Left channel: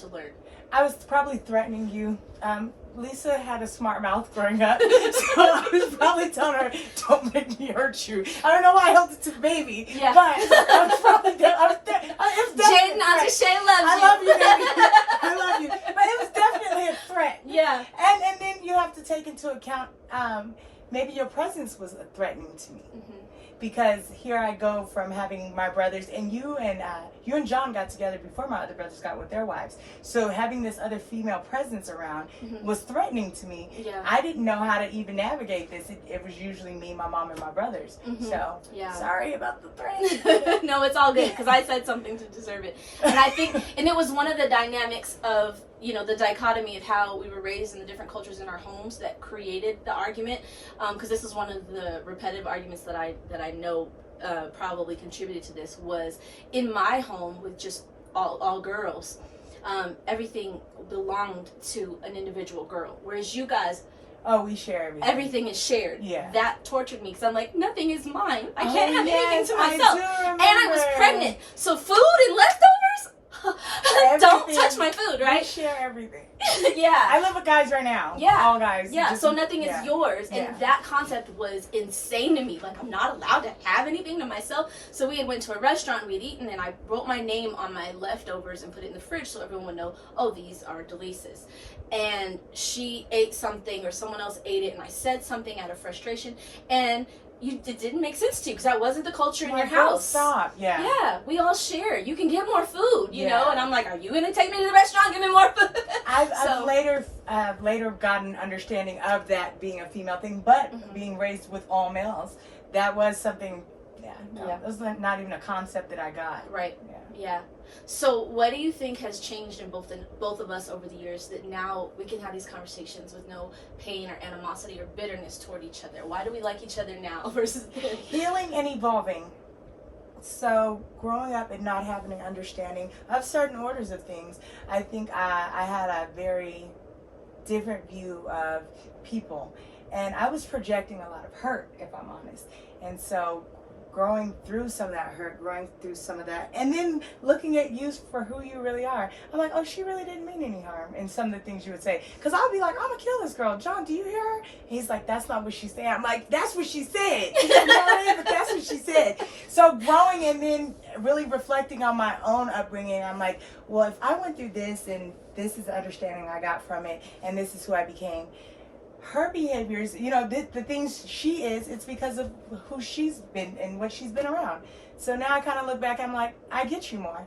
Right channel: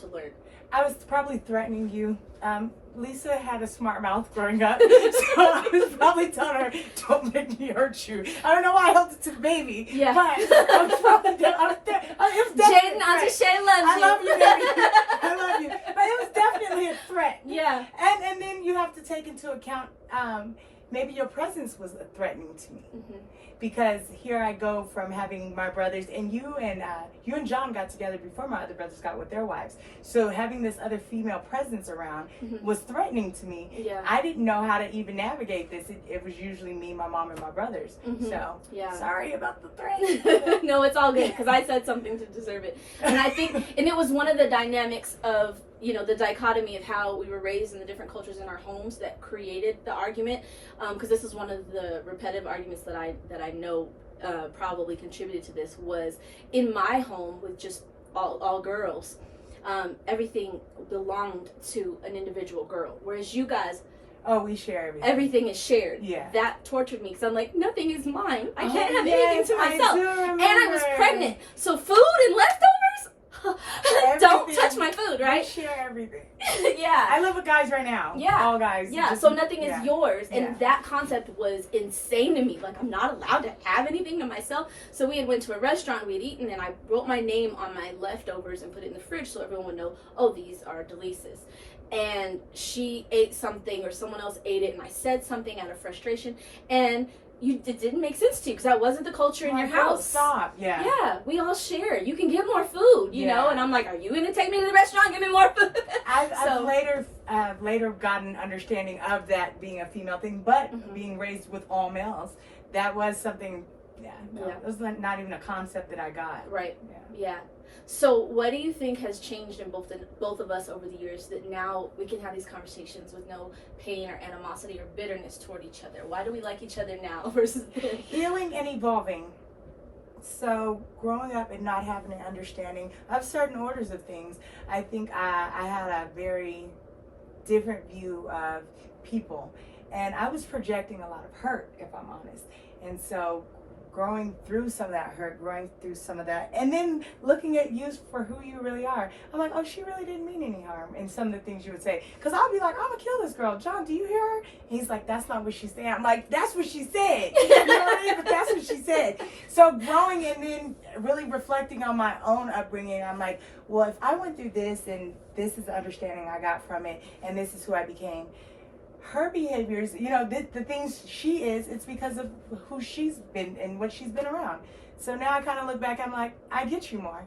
to learn? I was probably threatening you. Lisa had a smart mouth growing up, so I was probably telling her, "Don't make me hurt you." I don't know why I held it to the baby, Yeah. but I was probably Jaden, Auntie Shay loves you. I love you, baby. I love you. But it was definitely a threat. Yeah. And then you have to take into account maybe your presence was threatening to me. Mm-hmm. Because here I go from having my brothers, and you and John got together before my other brothers got with their wives. So having this other female presence around was threatening to me. Yeah. I didn't know how to even navigate this. It was usually me, my mom, and my brothers. So sorry about the threat. No, it's all good because I said something to deserve it. And I think, and it was one of the dynamics of, you know, the dichotomy of how we were raised in the different cultures in our homes that created the argument. Because this is one of the repetitive arguments that I know probably contributed to this, was in my home with just all girls. Everything belonged to an individual girl, whereas you guys, We share everything. everything is shared. Yeah. That tortured me because I'm like, nothing is mine. I can't have anything to I myself. do And I was remember. pregnant, so food and leftovers. Don't Everything. touch my food, We right? share everything. Yeah. I live with guys right now. Yeah. All guys. Yeah, Just- so nothing yeah. is yours. And Yeah. that concept was insane to me. Like, I'm not allowed to have anything to myself. So we had went to a restaurant, we had eaten, and I wrote my name on my leftovers and put it in the fridge so everyone would know, oh, these are Delisa's. And she ate something, or someone else ate it, and I said something out of frustration, and it didn't make sense to you because that wasn't the culture in your house. Stop. Yeah. Yeah, we all share. You can get more food, you know? And I'm like, are you going to take me to the restaurant and give me more food? I've later gotten understanding of that being a female thing, but being raised with all males, that was something. That was not even a concept that I got. Right. Yeah. So what do you think has changed in both of us over the years that now we can have these conversations with no pain or animosity or bitterness toward each other? Why do we like each other now versus then? Healing and evolving. So growing up and not having an understanding of certain orders of things, I think I had a very different view of people, and I was projecting a lot of hurt, if I'm honest. And so growing through some of that hurt, growing through some of that, and then looking at you for who you really are. I'm like, oh, she really didn't mean any harm in some of the things you would say. Because I'll be like, I'm going to kill this girl. John, do you hear her? He's like, that's not what she said. I'm like, that's what she said. You know what I mean? But that's what she said. So growing and then really reflecting on my own upbringing, I'm like, well, if I went through this and this is the understanding I got from it and this is who I became, her behaviors, you know, the things she is, it's because of who she's been and what she's been around. So now I kind of look back, I'm like, I get you more.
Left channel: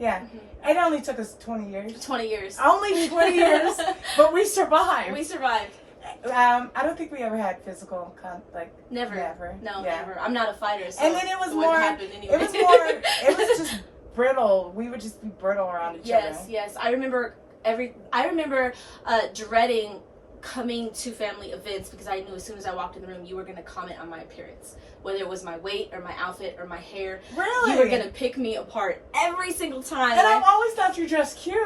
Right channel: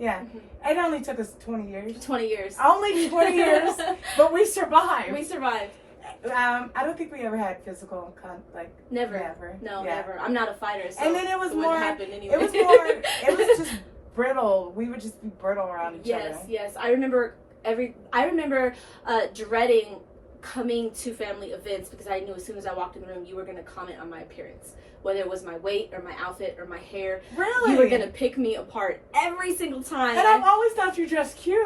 Yeah. It only took us 20 years. 20 years. Only 20 years, but we survived. We survived. I don't think we ever had physical, Never. No, Yeah. never. I'm not a fighter, so and then it was more, happen anyway. it was just brittle. We would just be brittle around each other. Yes. I remember dreading coming to family events because I knew as soon as I walked in the room you were going to comment on my appearance, whether it was my weight or my outfit or my hair. Really? You were going to pick me apart every single time. And I've always thought you dressed cute.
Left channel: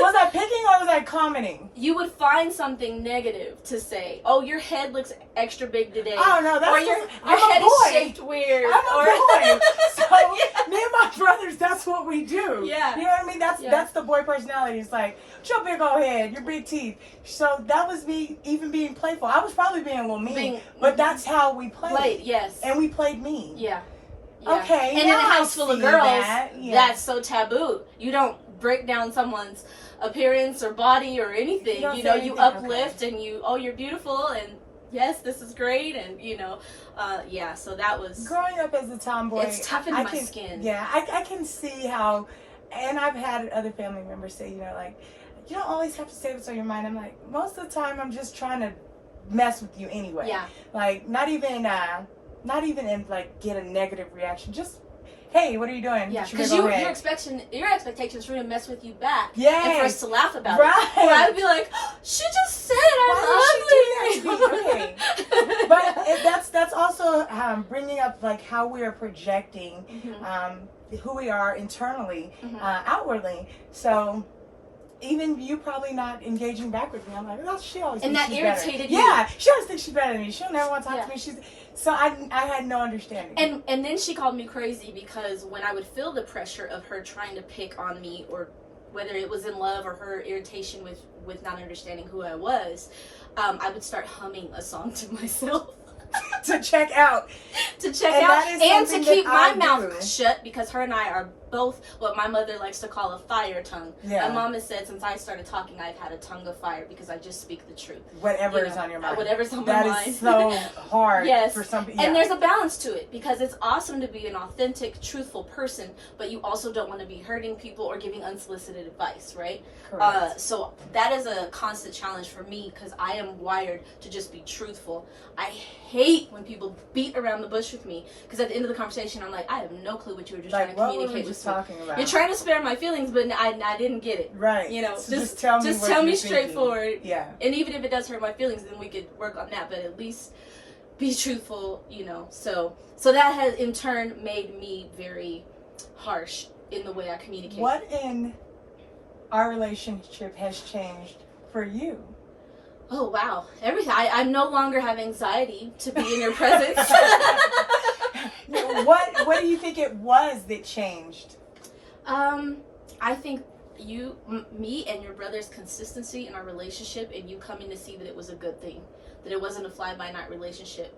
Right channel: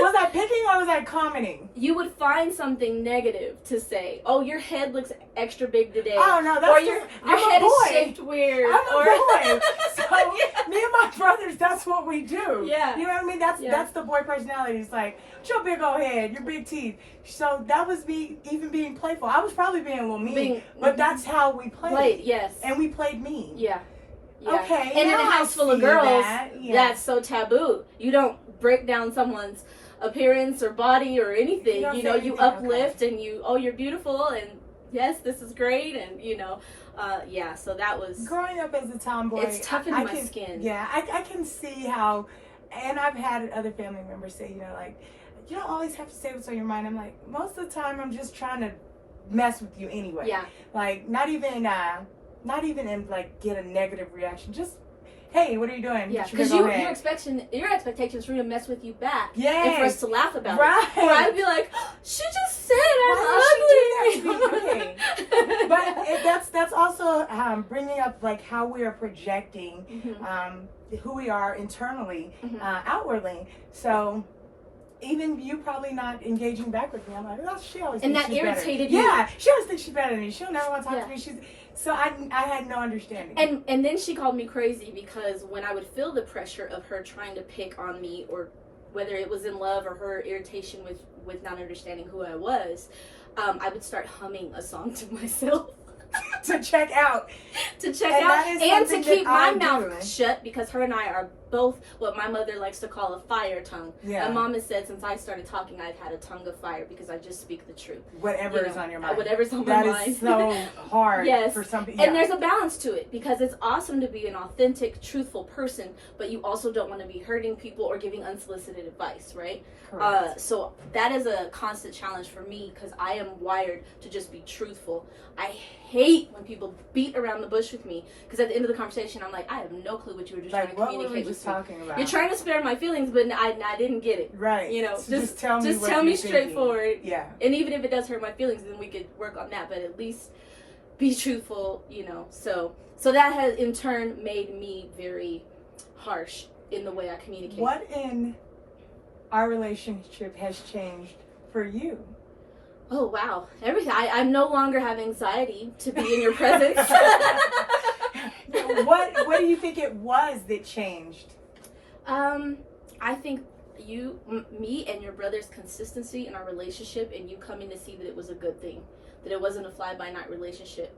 Was I picking or was I commenting? You would find something negative to say. Oh, your head looks extra big today. Oh no, that's or your head is shaped weird. I'm a boy. So me and my brothers, that's what we do. Yeah. You know what I mean? That's the boy personality. It's like, your big old head, your big teeth. So that was me even being playful. I was probably being a little mean, but that's how we played. Yes. And we played mean. Yeah. Okay. And in a house full of girls, yeah. that's so taboo. You don't break down someone's appearance or body or anything. You know, you uplift and you're beautiful and yes, this is great, and so that was growing up as a tomboy. It's toughened my skin. Yeah, I can see how, and I've had other family members say, like, you don't always have to say what's on your mind. I'm like, most of the time I'm just trying to mess with you anyway. Yeah. Like not even in like get a negative reaction. Just, hey, what are you doing? Yeah, because your expectations for me to mess with you back. Yeah. And for us to laugh about right. it. Or I would be like, she just said Why I'm ugly. would she do that to me? But that's also bringing up like how we are projecting who we are internally, outwardly. So even you probably not engaging back with me. I'm like, oh, she always and thinks that she's irritated better. you. Yeah, she always thinks she's better than me. She'll never want to talk to me. So I had no understanding. And then she called me crazy because when I would feel the pressure of her trying to pick on me or whether it was in love or her irritation with not understanding who I was, I would start humming a song to myself. To check out. To check And out that is and to something keep that my I mouth do. shut, because her and I are both what my mother likes to call a fire tongue. Yeah. My mom has said since I started talking, I've had a tongue of fire because I just speak the truth. Whatever You is know, on your mind. Whatever's on That my mind. is so hard Yes. for some people. And there's a balance to it, because it's awesome to be an authentic, truthful person, but you also don't want to be hurting people or giving unsolicited advice, right? Correct. So that is a constant challenge for me, because I am wired to just be truthful. I hate when people beat around the bush with me, because at the end of the conversation, I'm like, I have no clue what you were just trying Like, to what were we communicate just with me. talking about? You're trying to spare my feelings, but I didn't get it. Right. You know, So just tell me what tell me you're thinking. straightforward. Yeah. And even if it does hurt my feelings, then we could work on that. But at least be truthful, you know. So that has in turn made me very harsh in the way I communicate. What in our relationship has changed for you? Oh wow, everything. I no longer have anxiety to be in your presence. What do you think it was that changed? I think me and your brother's consistency in our relationship, and you coming to see that it was a good thing, that it wasn't a fly-by-night relationship,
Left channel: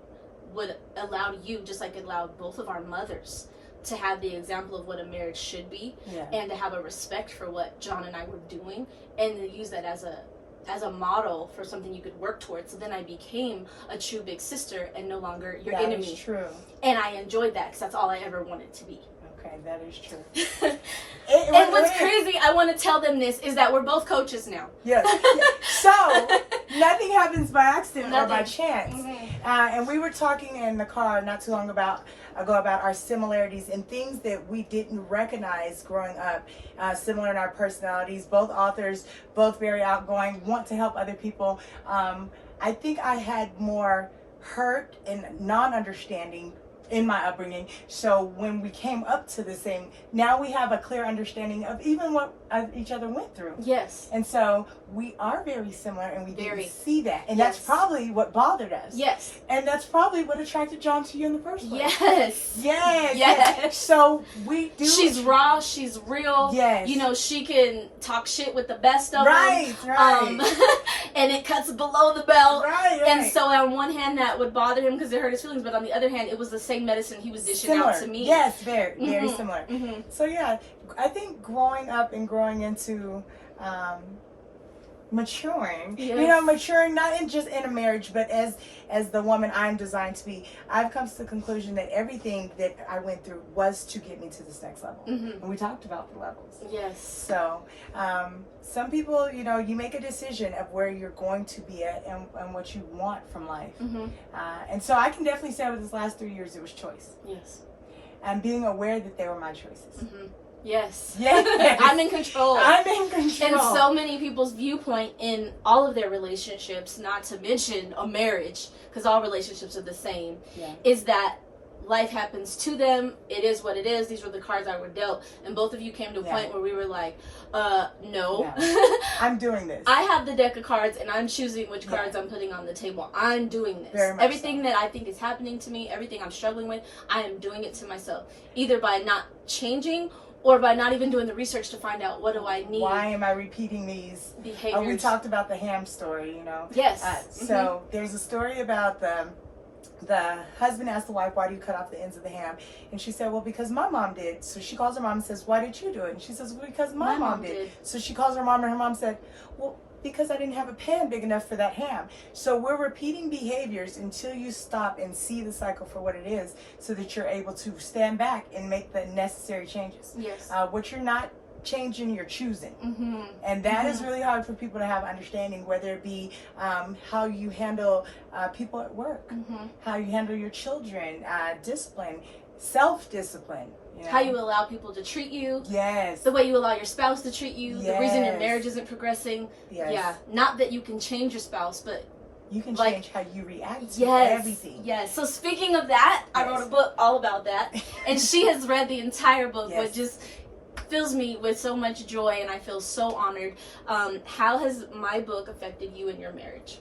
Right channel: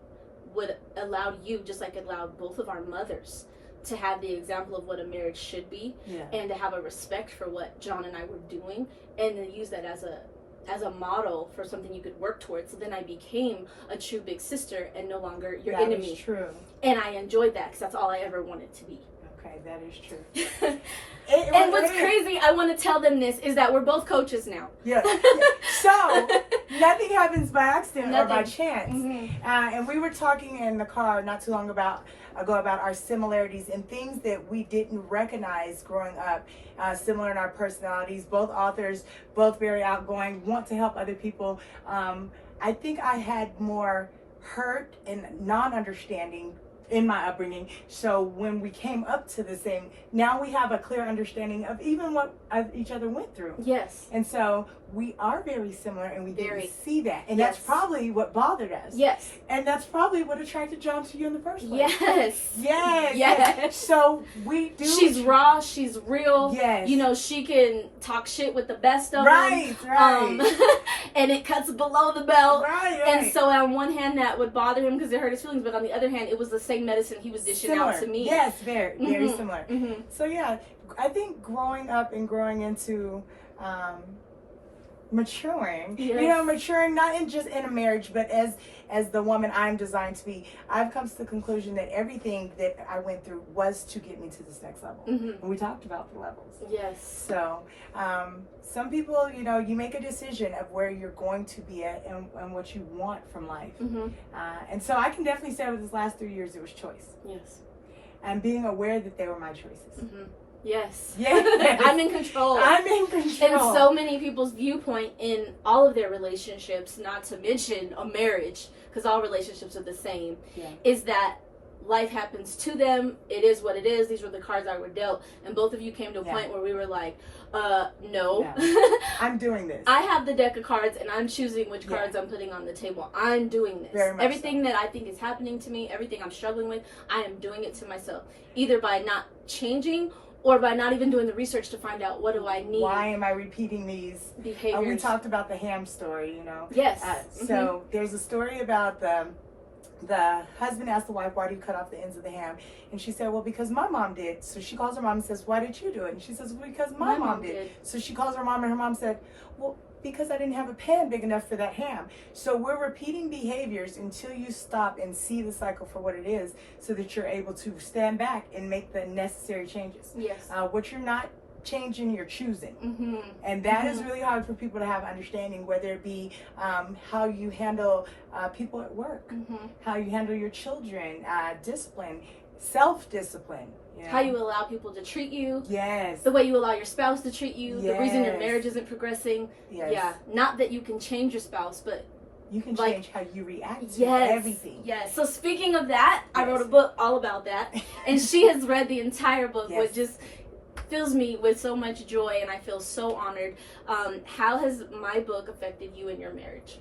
would allow you, just like it allowed both of our mothers, to have the example of what a marriage should be, Yeah. and to have a respect for what John and I were doing, and to use that as a model for something you could work towards. So then I became a true big sister and no longer your That enemy. is true. And I enjoyed that because that's all I ever wanted to be. Okay, that is true. And what's crazy, I want to tell them this, is that we're both coaches now. Yeah. So nothing happens by accident or by Nothing. chance. Mm-hmm. And we were talking in the car not too long ago about our similarities and things that we didn't recognize growing up. Similar in our personalities, both authors, both very outgoing, want to help other people. I think I had more hurt and non-understanding in my upbringing. So when we came up to the same, now we have a clear understanding of even what each other went through. Yes. And so we are very similar, and we Very. didn't see that. And Yes. that's probably what bothered us. Yes. And that's probably what attracted John to you in the first place. Yes. Yes. Yes. So we do. She's raw, she's real. Yes. You know, she can talk shit with the best of Right, them. right. And it cuts below the belt. Right, And right. so on one hand that would bother him because it hurt his feelings, but on the other hand it was the same medicine he was dishing Similar. out to me. Yes, very Mhm. similar. Mm-hmm. So yeah, I think growing up and growing into maturing, Yes. maturing not in just in a marriage, but as the woman I'm designed to be, I've come to the conclusion that everything that I went through was to get me to this next level. Mm-hmm. And we talked about the levels. Yes. So some people, you make a decision of where you're going to be at and what you want from life. Mm-hmm. And so I can definitely say over these last 3 years, it was choice. Yes. And being aware that they were my choices. Mm-hmm. Yes. Yes. I'm in control. I'm in control. And so many people's viewpoint in all of their relationships, not to mention a marriage, because all relationships are the same, Yeah. is that life happens to them. It is what it is. These were the cards I were dealt. And both of you came to a Yeah. point where we were like, no. I'm doing this. I have the deck of cards and I'm choosing which Yeah. cards I'm putting on the table. I'm doing this. Very much Everything that I think is happening to me, everything I'm struggling with, I am doing it to myself. Either by not changing or by not even doing the research to find out what do I need. Why am I repeating these? Behaviors. We talked about the ham story, Yes. So there's a story about the husband asked the wife, why do you cut off the ends of the ham? And she said, well, because my mom did. So she calls her mom and says, why did you do it? And she says, well, because my mom did. So she calls her mom and her mom said, well, because I didn't have a pan big enough for that ham. So we're repeating behaviors until you stop and see the cycle for what it is, so that you're able to stand back and make the necessary changes. Yes. What you're not changing, you're choosing. Mm-hmm. And that is really hard for people to have understanding, whether it be how you handle people at work, Mm-hmm. how you handle your children, discipline, self-discipline. How you allow people to treat you. Yes. The way you allow your spouse to treat you. The reason your Yes. marriage isn't progressing. Yes. Yeah. Not that you can change your spouse, but You can like- change how you react to yes. everything. Yes. So speaking of that, I Yes. wrote a book all about that. And she has read the entire book, Yes. which just fills me with so much joy, and I feel so honored. How has my book affected you in your marriage?